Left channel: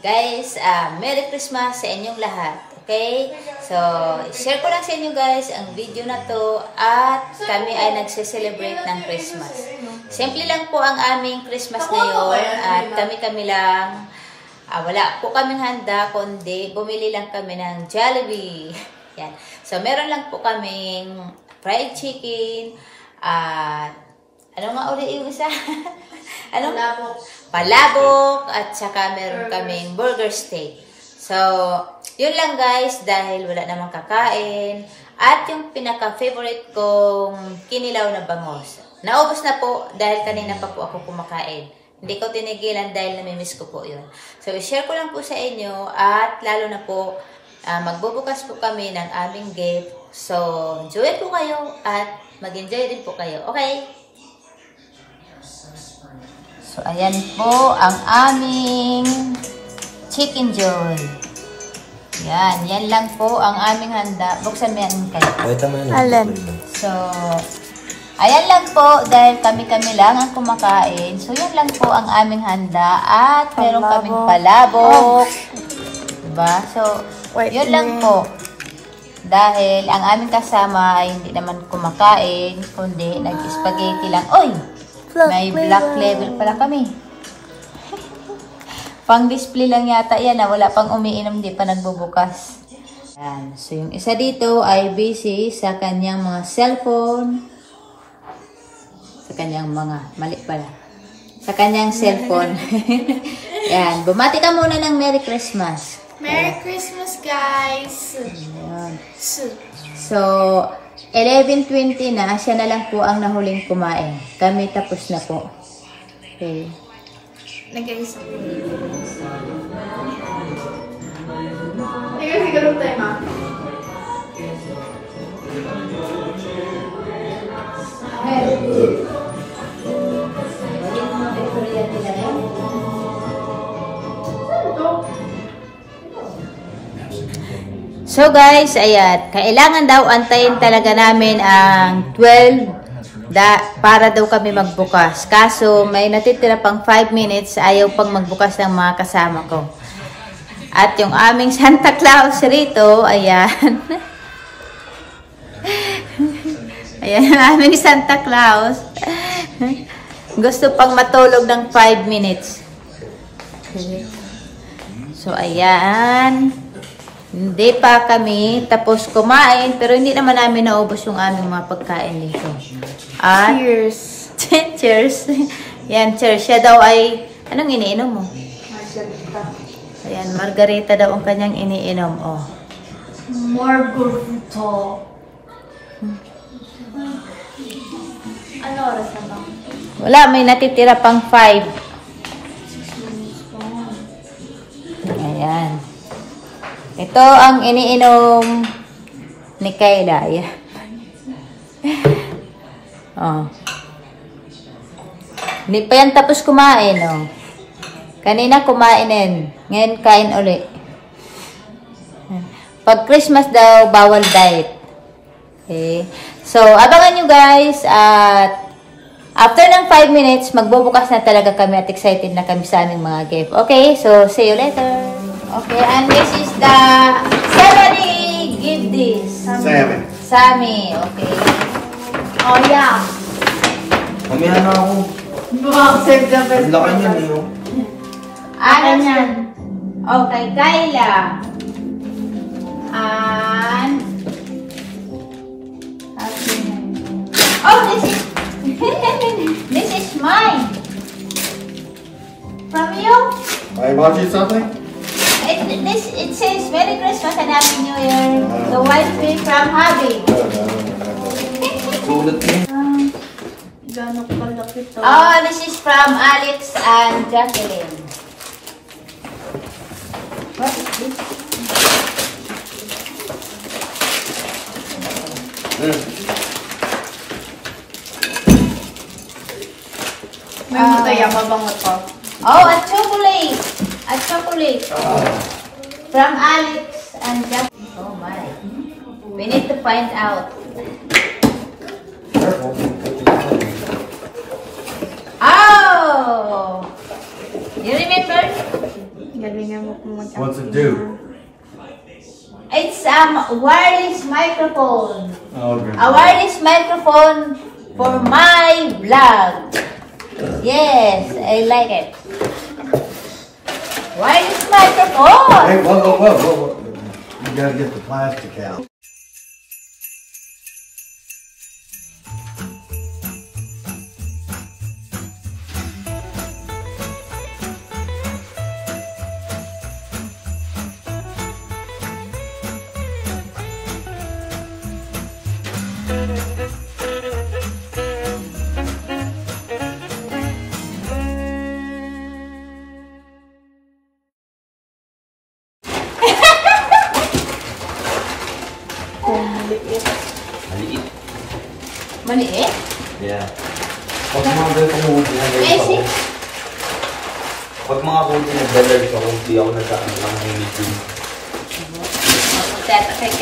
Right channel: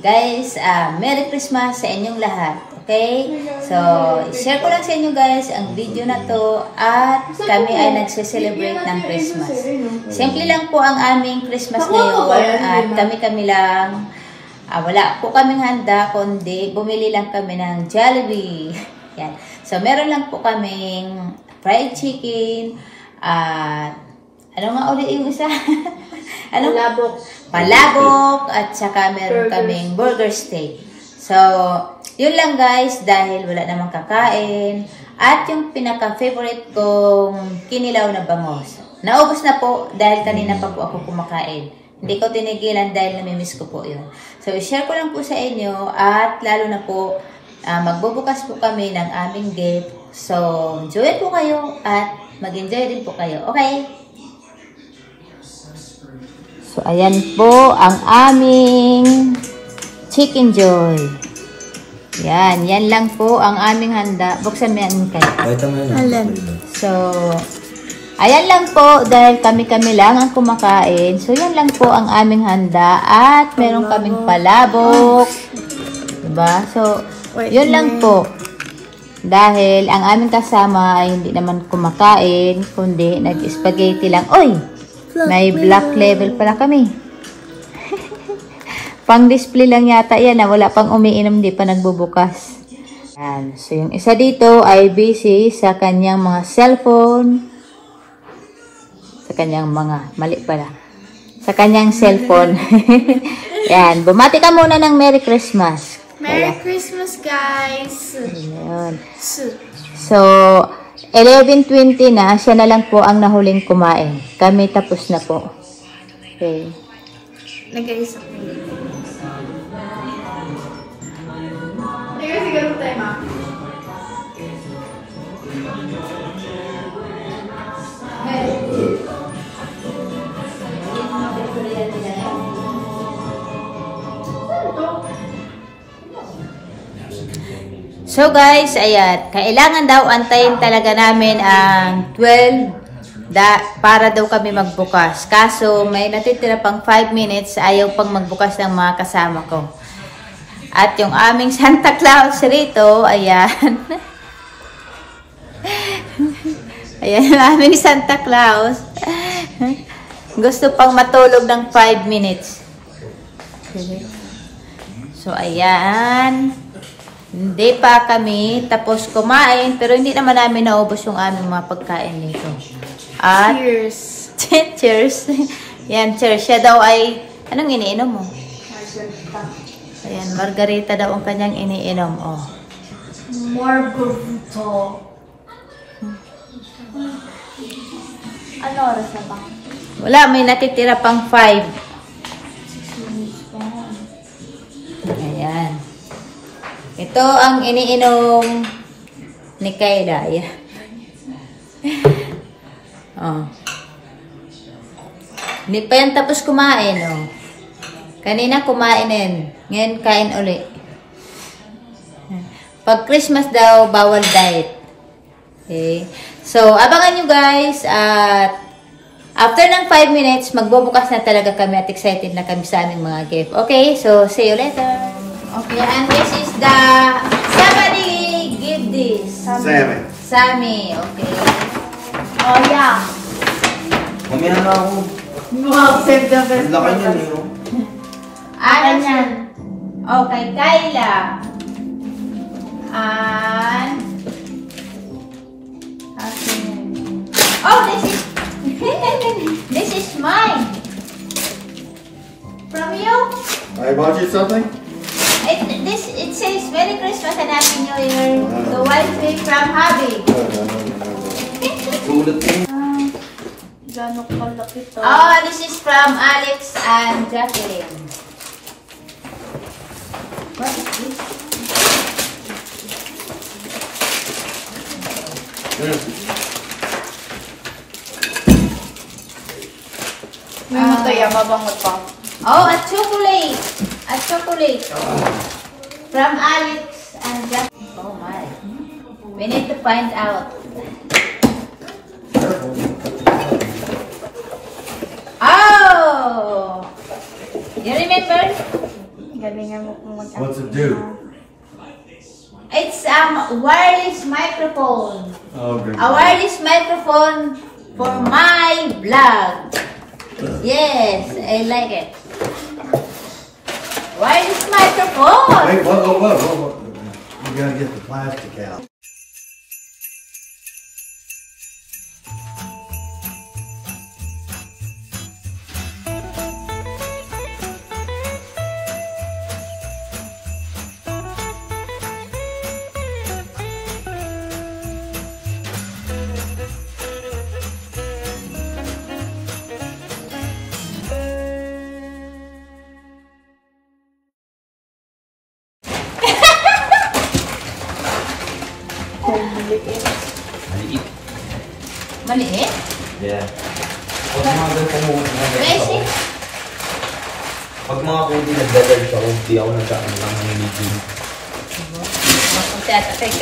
Guys, Merry Christmas sa inyong lahat. Okay? So, share ko lang sa inyo guys ang video na to at kami ay nagse-celebrate ng Christmas. Simple lang po ang aming Christmas ngayon at kami lang, wala po kaming handa kundi bumili lang kami ng Jollibee. Yan. So, meron lang po kaming fried chicken at ano nga ulit yung isa? Ano? Palabok at saka meron kaming burger steak. So, yun lang guys dahil wala namang kakain at yung pinaka-favorite kong kinilaw na bangos. Naubos na po dahil kanina pa po ako kumakain. Hindi ko tinigilan dahil namimiss ko po yun. So, i-share ko lang po sa inyo at lalo na po magbubukas po kami ng aming gift. So, enjoy po kayo at mag-enjoy din po kayo. Okay? So, ayan po ang aming Chicken Joy. Yan. Yan lang po ang aming handa. Buksan mo yan kayo. Alan. So, ayan lang po dahil kami lang ang kumakain. So, yan lang po ang aming handa. At meron kaming palabok. Diba? So, yun lang po. Dahil ang aming kasama ay hindi naman kumakain, kundi nag-spaghetti lang. Oy! May black level pala kami. Pang display lang yata yan. Wala pang umiinom, di pa nagbubukas. Yan. So, yung isa dito ay busy sa kanyang mga cellphone. Sa kanyang mga, mali pala. Sa kanyang cellphone. Yan. Bumati ka muna ng Merry Christmas. Merry Christmas, guys! Ayan. So, 11:20 na, siya na lang po ang nahuling kumain. Kami tapos na po. Okay. Nag-iisa ko. Nag-iisa ka tayo, ma. So guys, ayan, kailangan daw antayin talaga namin ang 12 para daw kami magbukas. Kaso may natitira pang 5 minutes, ayaw pang magbukas ng mga kasama ko. At yung aming Santa Claus rito, ayan. Ayan ang aming Santa Claus. Gusto pang matulog ng 5 minutes. So ayan. Hindi pa kami tapos kumain, pero hindi naman namin naubos yung aming mga pagkain dito. At, Cheers! cheers! Yan, cheers. Siya daw ay, anong iniinom mo? Margarita. Ayan, margarita daw ang kanyang iniinom. Oh. Margarita. Ano oras na ba? Wala, may natitira pang 5. Ayan. Ito ang iniinom ni Kayla. Ayan. Oh. Hindi pa yan tapos kumain. Oh. Kanina kumain din. Ngayon kain uli. Pag Christmas daw, bawal diet. Okay. So, abangan nyo guys. At after ng 5 minutes, magbubukas na talaga kami at excited na kami sa aming mga gift. Okay, so see you later. Okay, and this is the... Somebody give this. Sammy. Okay. Oh, yeah. Pamila na ako. Save the best. Laki niyan eh. Akin yan. Okay, Kayla. And... Oh, this is... this is mine. From you? I bought you something? It says Merry Christmas and Happy New Year. The white tree from Hubby. Sulit din. Gano'ng kalaki to? Oh, this is from Alex and Jacqueline. What is this? May mataya, mabangot pa. Oh, a chocolate. A chocolate. From Alex and Jacqueline. Oh my. We need to find out. Oh! You remember? Galingan mo kung mag-acting. What's it do? It's wireless microphone. Oh, good. A wireless microphone for my vlog. Yes, I like it. Wireless microphone. Hey, whoa. You gotta get the plastic out. Maliit. Maliit? Yeah. Pag mga ganito mo, Messi? pag mga kundi nag-large ako, hindi ako nagkakaroon lang ng meeting. Tatay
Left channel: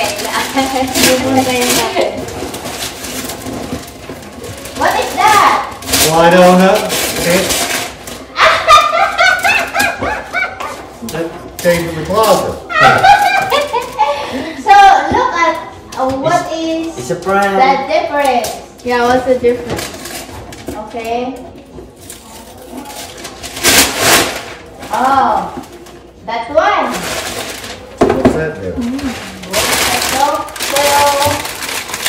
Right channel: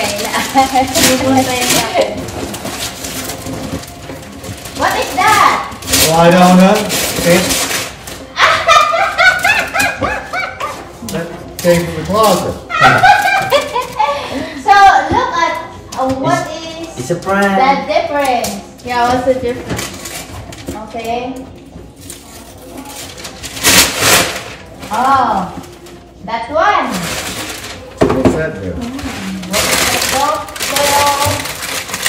What is that? Well, I don't know. That came from the closet. So, look at what is It's a prank. the difference. Yeah, what's the difference? Okay. Oh, that one. What's that do? So,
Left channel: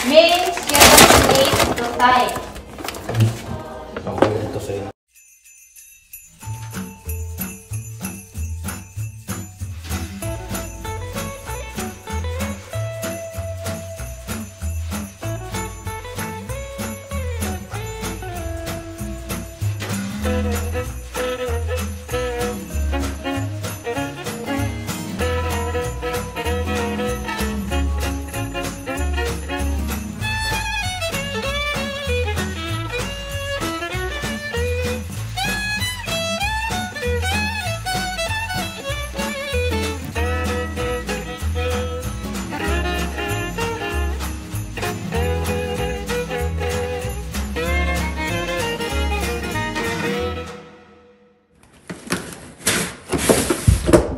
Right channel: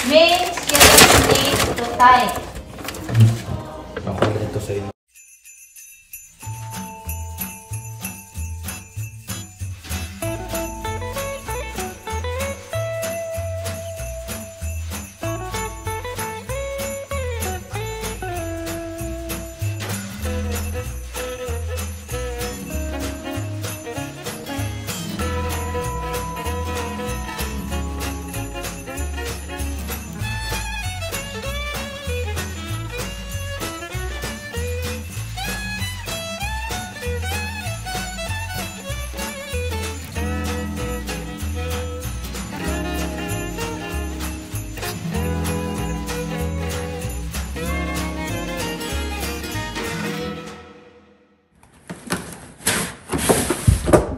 names letter to type. Ako ito sa inyo.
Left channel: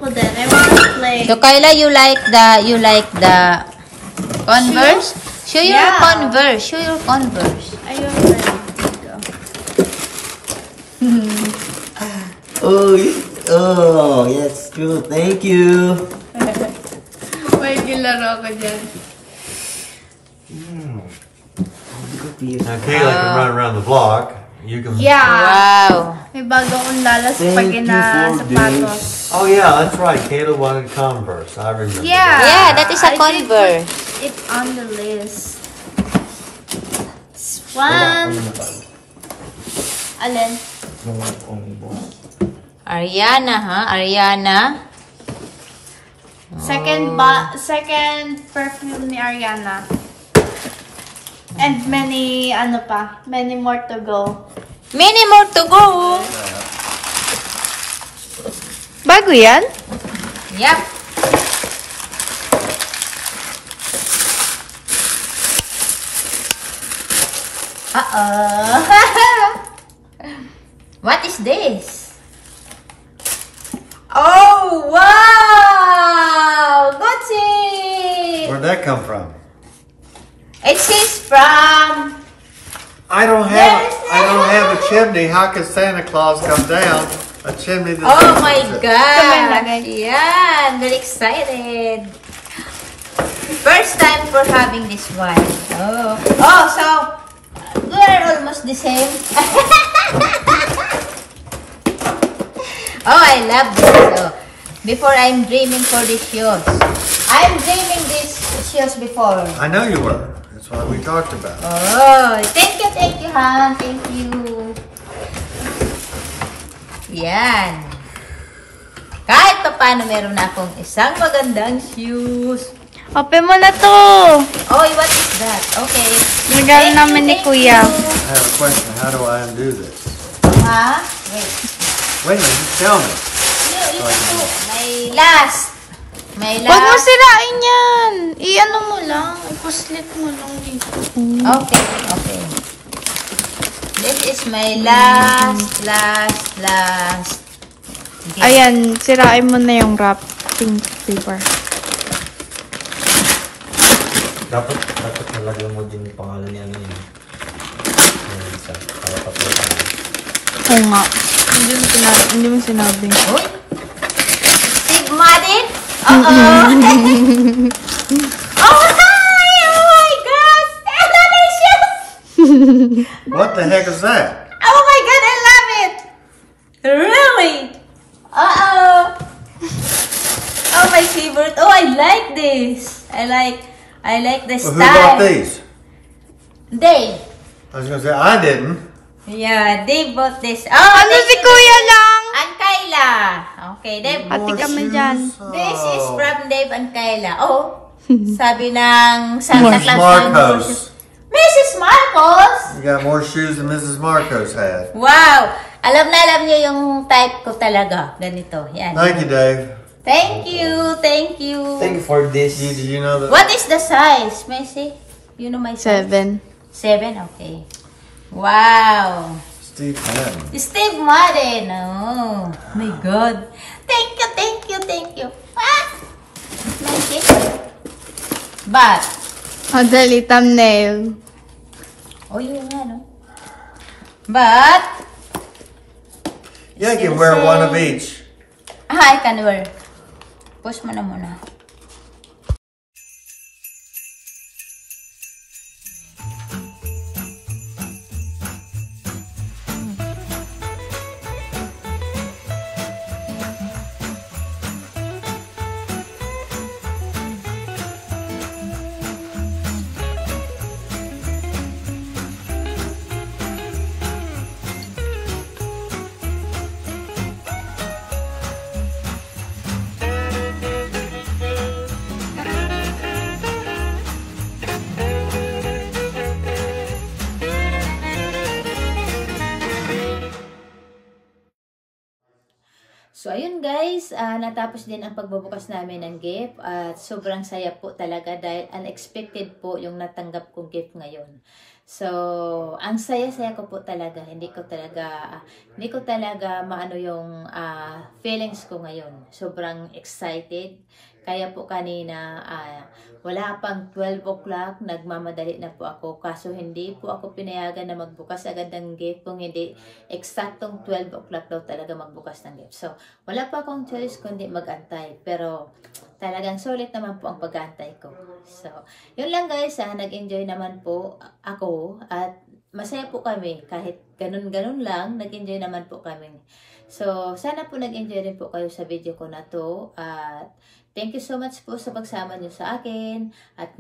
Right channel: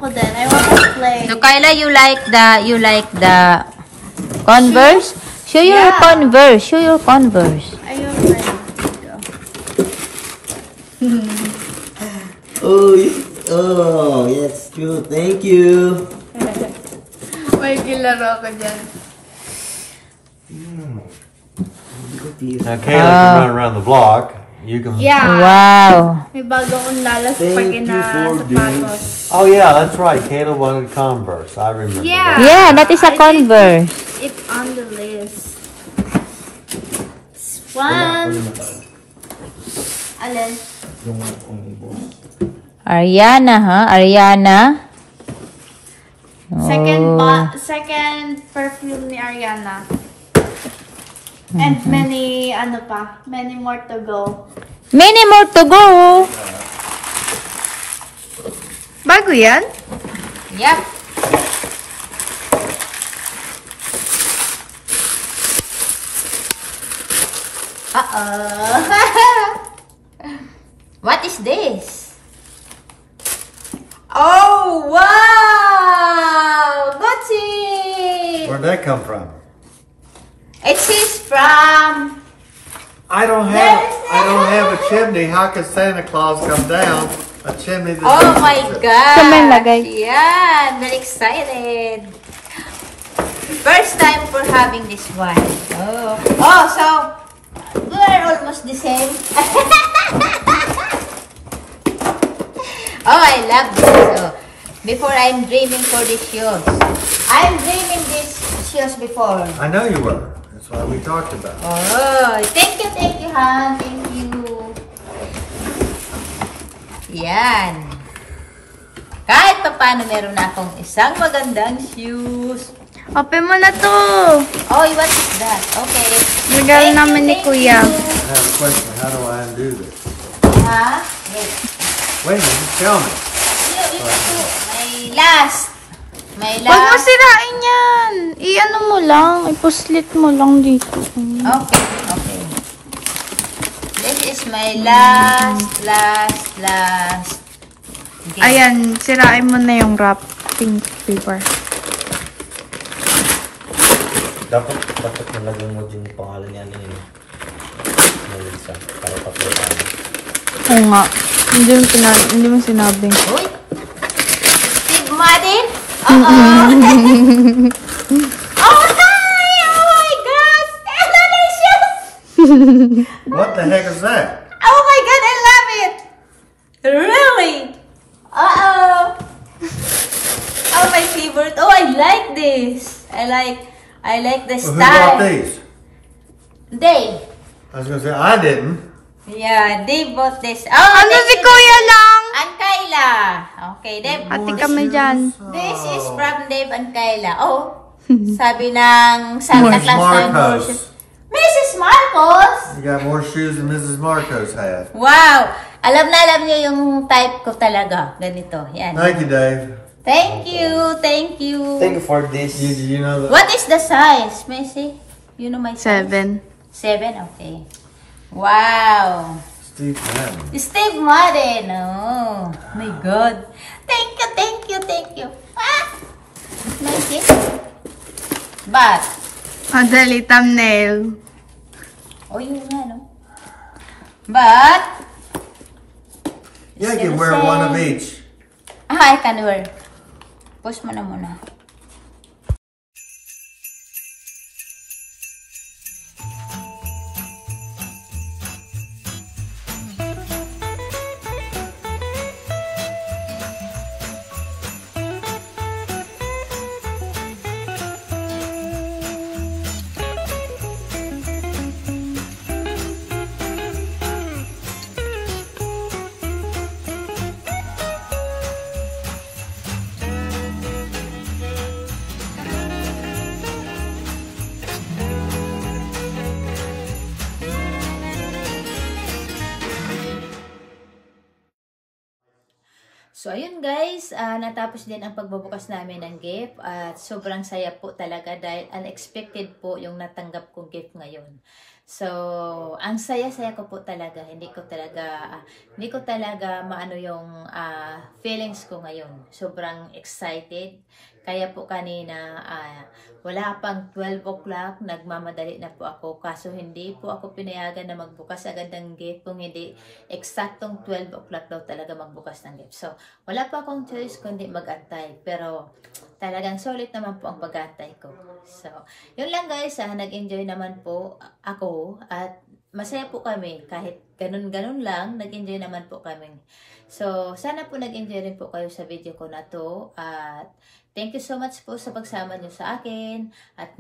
But then I want to play. So, Kyla, you like the Converse? Show your Yeah. Converse. Show your Converse. Ayun, ready. Oh, yes, true. Thank you. May kilaro ko dyan. Now, Kayla can run around the block. You can. Yeah. Wow. May bago akong lalas Thank pag you na for sapatos. Oh, yeah, that's right. Kayla wanted Converse. I remember. Yeah. Yeah, that is a I did Converse. put it on the list. It's one. Alin? Ariana, ha? Ariana. Second perfume ni Ariana. And many, many more to go. Many more to go. Bago yan? Yep. Uh-oh. What is this? Oh, wow! Gucci! Where'd that come from? It says from... I don't have a chimney. How could Santa Claus come down a chimney? That Oh my Tumang gosh! Yeah, I'm very excited. First time for having this one. Oh, so we are almost the same. Oh, I love this. So, before I'm dreaming for these shoes. I'm dreaming these shoes before. I know you were. That's what we talked about. Oh, thank you, Han. Thank you. Yan. Kahit pa paano meron na akong isang magandang shoes. Open mo na to. Oh, what is that? Okay. Regalo namin ni Kuya. I have a question. How do I undo this? Ha? Wait. Wait a minute. Just tell me. May last. May Huwag mo last. sirain yan. I-ano mo lang. Ipuslit mo lang dito. Okay. This is my last Okay. Ayan, sirain mo na yung wrapping paper. Dapat nalagay mo din yung pangalan niya ngayon. Para papulitan. Oo nga. Hindi mo sinabing. Uy! Steve Madden? Oh, hi! Oh my God! Delicious! What the heck is that? Oh my God, I love it! Really? Oh, my favorite. Oh, I like this. I like the Well, who style. bought these? Dave. I was gonna say I didn't. Yeah, Dave bought this. Oh, Ano thank si you, Kuya Dave. lang? And Kayla. Okay, Dave. Ate More kami shoes? dyan. This is Oh. from Dave and Kayla. Oh, sabi ng Santa Mrs. Claus ng Marcos. Mrs. Marcos! You got more shoes than Mrs. Marcos had. Wow! Alam niyo yung type ko talaga. Ganito. Yan. Thank you, Dave. Thank you. Thank you. Thank you for this. Did you know that? What is the size, Messi? You know my size? 7. 7? Okay. Wow. Steve Madden. Steve Madden. Oh, my God. Thank you, thank you, thank you. Ah! Messi? But, Madali, thumbnail. oh, yun nga, no? But, Yeah, you Still can wear one of same. each. I can wear. Push mo na muna. So, ayun guys, natapos din ang pagbubukas namin ng gift at sobrang saya po talaga dahil unexpected po yung natanggap kong gift ngayon. So, ang saya-saya ko po talaga, hindi ko talaga maano yung feelings ko ngayon. Sobrang excited. Kaya po kanina, wala pang 12 o'clock, nagmamadali na po ako. Kaso hindi po ako pinayagan na magbukas agad ng gift kung hindi eksaktong 12 o'clock daw talaga magbukas ng gift. So, wala pa akong choice kundi mag-antay. Pero, talagang solid naman po ang pag-antay ko. So, yun lang guys, nag-enjoy naman po ako at masaya po kami. Kahit ganun-ganun lang, nag-enjoy naman po kami. So, sana po nag-enjoy rin po kayo sa video ko na to at thank you so much po sa pagsama nyo sa akin at